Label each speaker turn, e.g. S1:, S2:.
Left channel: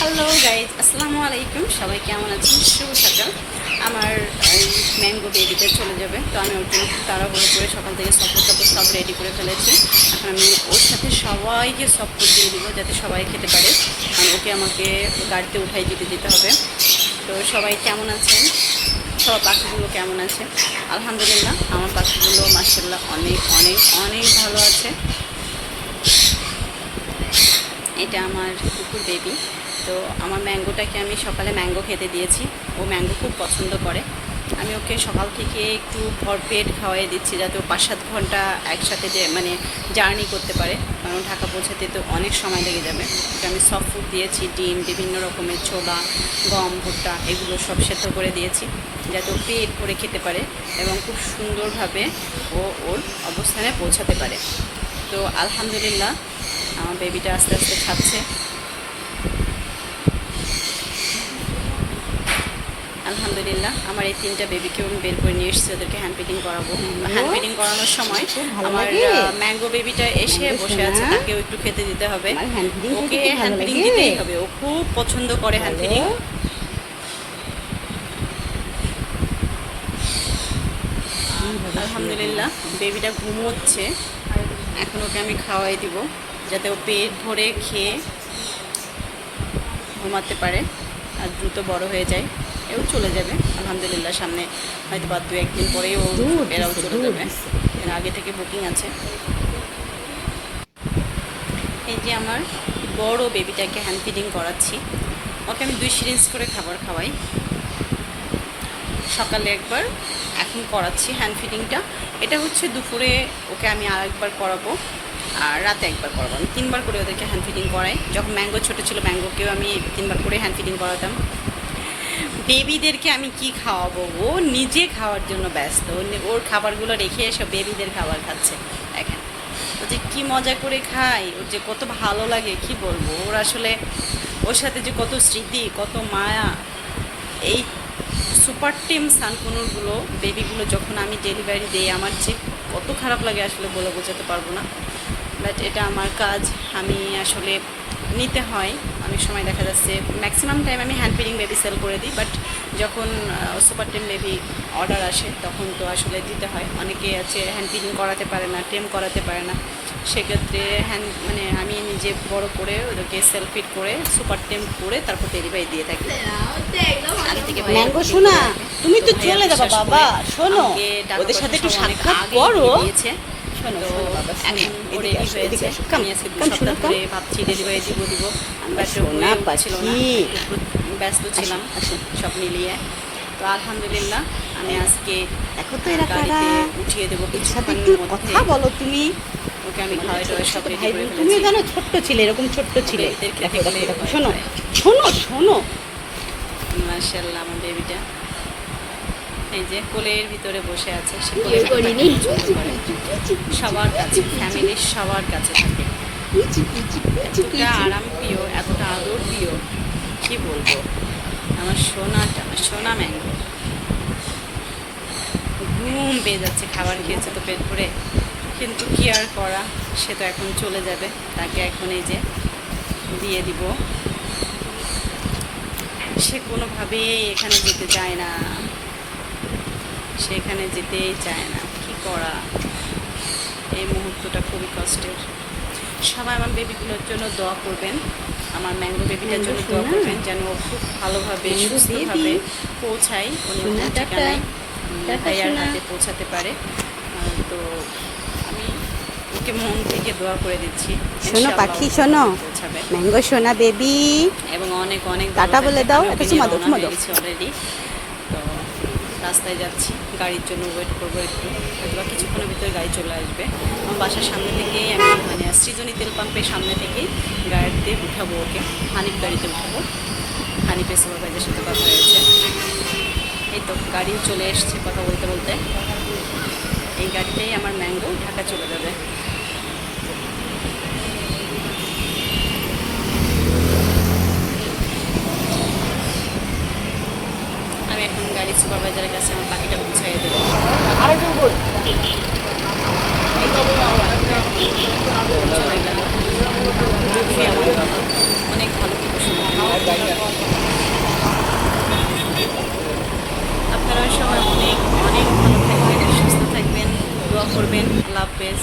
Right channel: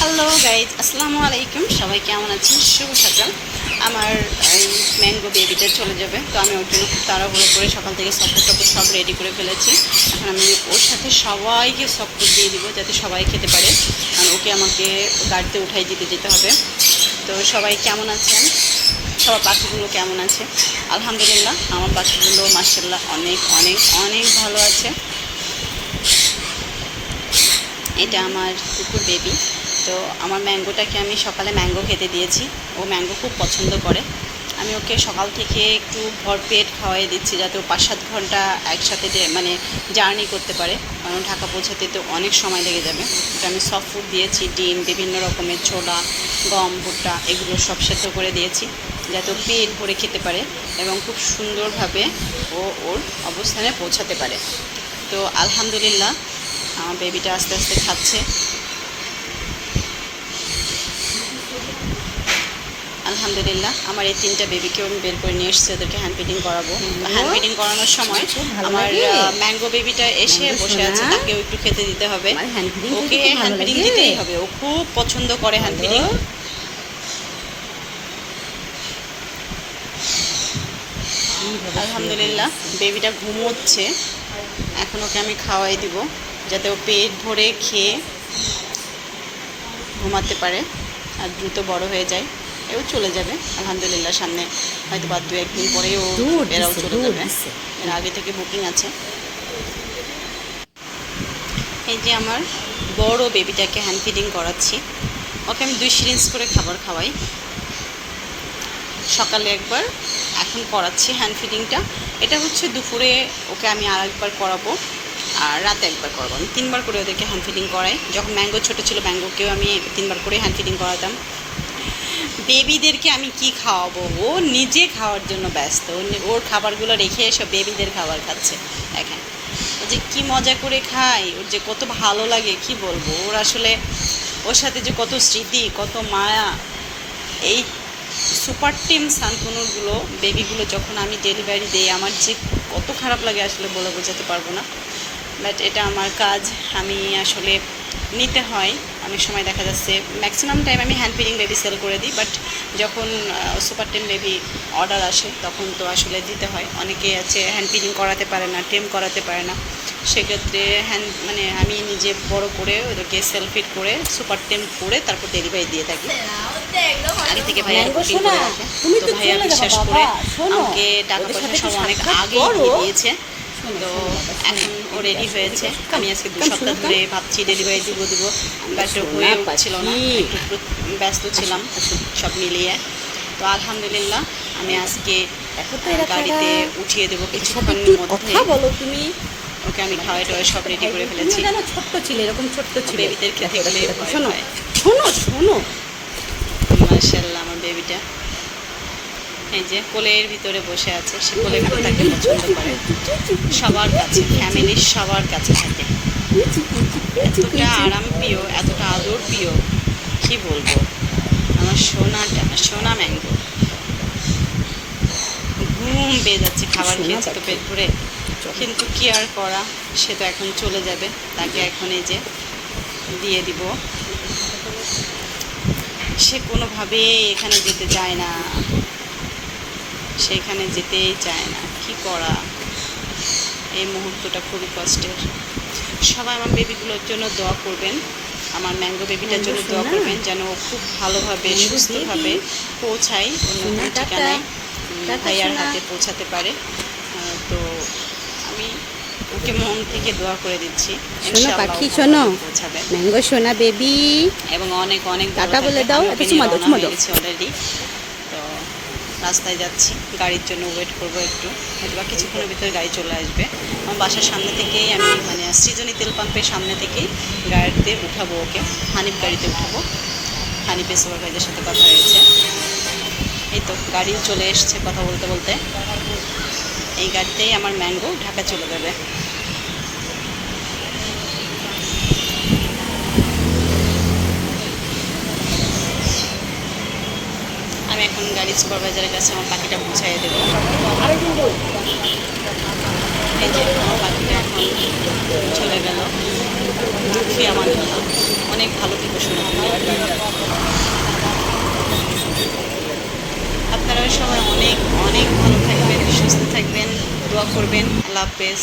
S1: Hello guys আসসালামু আলাইকুম সবাই কেমন আছেন? শুভ সকাল। আমার, এই ম্যাঙ্গো বেবিটা চলে যাবে। তো আমি ওর জন্য খুব তাড়াহুড়ো করে সকাল থেকে সপোর্ট টপোর সব রেডি করে ফেলেছি। এখন আমি ওর সাথে সবাইকে সপোর্ট দিয়ে দিব যাতে সবাই খেতে পারে। কারণ ওকে আমাকে গাড়িতে উঠাই দিতে যেতে হবে। তো সবাই কেমন আছেন? সবার পাখিগুলো কেমন আছে? আলহামদুলিল্লাহ, আমার পাখিগুলো মার্শাল্লাহ অনেক অনেক অনেক ভালো আছে। এটা আমার কুকুর বেবি তো আমার ম্যাঙ্গোটাকে আমি সকালে ম্যাঙ্গো খেতে দিয়েছি। ও ম্যাঙ্গো খুব পছন্দ করে। আমি ওকে সকাল থেকে একটু ভরপেট খাওয়াই দিচ্ছি যাতে ও পাঁচ সাত ঘণ্টা একসাথে মানে জার্নি করতে পারে। কারণ ঢাকা পৌঁছাতে তো অনেক সময় লেগে যাবে। ওকে আমি সফট ফুড দিয়েছি, ডিম, বিভিন্ন রকমের ছোলা, গম, ভুট্টা, এগুলো সব সেদ্ধ করে দিয়েছি যাতে ও পেট ভরে খেতে পারে এবং খুব সুন্দরভাবে ও ওর অবস্থানে পৌঁছাতে পারে। তো আলহামদুলিল্লাহ, আমার বেবিটা আস্তে আস্তে খাচ্ছে। আলহামদুলিল্লাহ আমার এই তিনটা বেবিকেও আমি বের করে নিয়ে এসেছি ওদেরকে হ্যান্ড ফিটিং করাবো। হ্যান্ড ফিটিং করানোর সময় আমার ম্যাঙ্গো বেবিটা এসে বসে আছে তাকেও একটু খেতে দিতে হবে। ওকে হ্যান্ড
S2: লাগে।
S1: দিতেই হবে ও খুব পছন্দ করে হ্যান্ড ফিটিং আলহামদুলিল্লাহ বেবিটা ঘুমোচ্ছে। এখন ওকে আমি খাওয়াই দিব যাতে ও পেট ভরে খেয়ে ঘুমাতে পারে আর দ্রুত বড় হয়ে যায়। এও চলে যাবে। আলহামদুলিল্লাহ সামনে হয়তো বা দু একদিন পরেই ও এরাও চলে যাবে। এর আগে থেকে বুকিং আছে। এই যে আমার বড় বেবিটাকে হ্যান্ড ফিডিং করাচ্ছি। ওকে আমি দুই সিরিঞ্জ করে খাবার খাওয়াই। সকালে একবার এখন করাচ্ছি হ্যান্ড ফিডিংটা এটা হচ্ছে দুপুরে ওকে আমি আর একবার করাবো আর রাতে একবার করাবো। আমি তিনবার করে ওদেরকে হ্যান্ড ফিডিং করাই। যখন ম্যাঙ্গো ছোটো ছিল ম্যাঙ্গোকেও আমি তিনবার করে হ্যান্ড ফিডিং করাতাম। বেবিদেরকে আমি কি খাওয়াবো? ও নিজে খাওয়ার জন্য ব্যস্ত। ওর খাবারগুলো রেখে এসব বেবিদের খাবার খাচ্ছে। দেখেন। ও যে কি মজা করে খায়, ওর যে কত ভালো লাগে, কি বলব? ওর আসলে, ওর সাথে যে কত স্মৃতি, কত মায়া। এই সুপার টিম সানকুনুরগুলো, বেবিগুলো যখন আমি ডেলিভারি দিই, আমার যে কত খারাপ লাগে আসলে বলে বোঝাতে পারব না। বাট এটা আমার কাজ। আমি আসলে নিতে হয়। অনেক সময় দেখা যাচ্ছে ম্যাক্সিমাম টাইম আমি হ্যান্ড ফিডিং বেবি সেল করে দিই বাট যখন সুপার টেম বেবি অর্ডার আসে তখন তো আসলে দিতে হয়। অনেকে আছে হ্যান্ড ফিডিং করাতে পারে না টেম করাতে পারে না। সেক্ষেত্রে হ্যান্ড মানে আমি নিজে বড় করে ওদেরকে সেল ফিট করে সুপার টেম করে তারপর ডেলিভারি দিয়ে থাকি। আগে থেকে রাখে।
S2: তুমি তো
S1: ভাইয়া বিশ্বাস করে আমাকে টাকা পয়সা সব অনেক আগে দিয়েছে। তো। এখন ও রেডি হয়েছে। আমি আজকে দু সপ্তাহ ধরে। ভাবছি ডেলিভারি দিব দিব। বাট হয়ে উঠছিল না একটু ব্যস্ত ছিলাম সব মিলিয়ে। তো আলহামদুলিল্লাহ আমি আজকে
S2: দেখো তো
S1: গাড়িতে উঠিয়ে দেবো
S2: সাথে
S1: কিছুক্ষণের মধ্যে।
S2: বলো তুমি।
S1: ওকে আমি খাওয়াই টাওয়াই সব রেডি করে ফেলেছি।
S2: জানো ছোট্ট ছিলে এরকম ছোট্ট ছিলে। শোনো। শোনো শোনো।
S1: মার্শাল্লাহ আমার বেবিটা এই যে কোলের ভিতরে বসে আছে, সে থাকতে পছন্দ করে। সবার কাছে, ফ্যামিলির সবার কাছে থাকে। এতটা আরাম প্রিয়, এতটা আদর প্রিয়, কি বলব? আমার সোনাটা, সোনা ম্যাঙ্গো। ঘুম পেয়ে যাচ্ছে, খাবার খেয়েছে তো পেট ভরে। কিন্তু কি আর করা? সে তো এখন চলে যাবে। তাকে এখন এই যে দিয়ে দিব। সে কোনোভাবেই এখানে যেতে চায় না। সেখানে যেতেই চায় না। কি করা? এই মুহূর্তটা খুবই কষ্টের। সবাই আমার বেবিগুলোর জন্য দোয়া করবেন। আমার ম্যাঙ্গো বেবিটার জন্য দোয়া করবেন যেন ও খুব ভালোভাবে সুস্থভাবে পৌঁছায় অন্য। ঠিকানায়। ভাইয়ার হাতে পৌঁছাতে পারে। তো আমি ওকে মন থেকে দোয়া করে দিচ্ছি।
S2: শোনো পাখি, শোনো। ম্যাঙ্গো সোনা বেবি।
S1: এবং অনেক অনেক
S2: টাটা বলে দাও,
S1: হয়ে
S2: দাও।
S1: অলরেডি তো রাস্তায় যাচ্ছি, গাড়ির জন্য ওয়েট করব একটু হয়তো বা কিছুক্ষণের ভিতরে গাড়ি চলে আসবে। আমার বাসার সামনে থেকেই আমি মানে সৃজনী তেল পাম্পের সামনে থেকেই গাড়িতে উঠাবো ওকে, হানিফ গাড়িতে উঠাবো। হানিফের সুপারভাইজার সাথে কথা হয়েছে। এই তো, গাড়িও চলে এসছে কথা বলতে বলতে। এই গাড়িতেই আমার ম্যাঙ্গো ঢাকা চলে যাবে। আমি সুপারভাইজারের কাছে আমার পাখিটা পৌঁছাইয়ে দেবো। এই যে আমার পাখিটা এখন চলে গেল। দুঃখী আমার অনেক ভালো থেকো শোনো আপনারা সবাই অনেক অনেক ভালো থাকবেন সুস্থ থাকবেন দোয়া করবেন। আল্লাহ হাফেজ।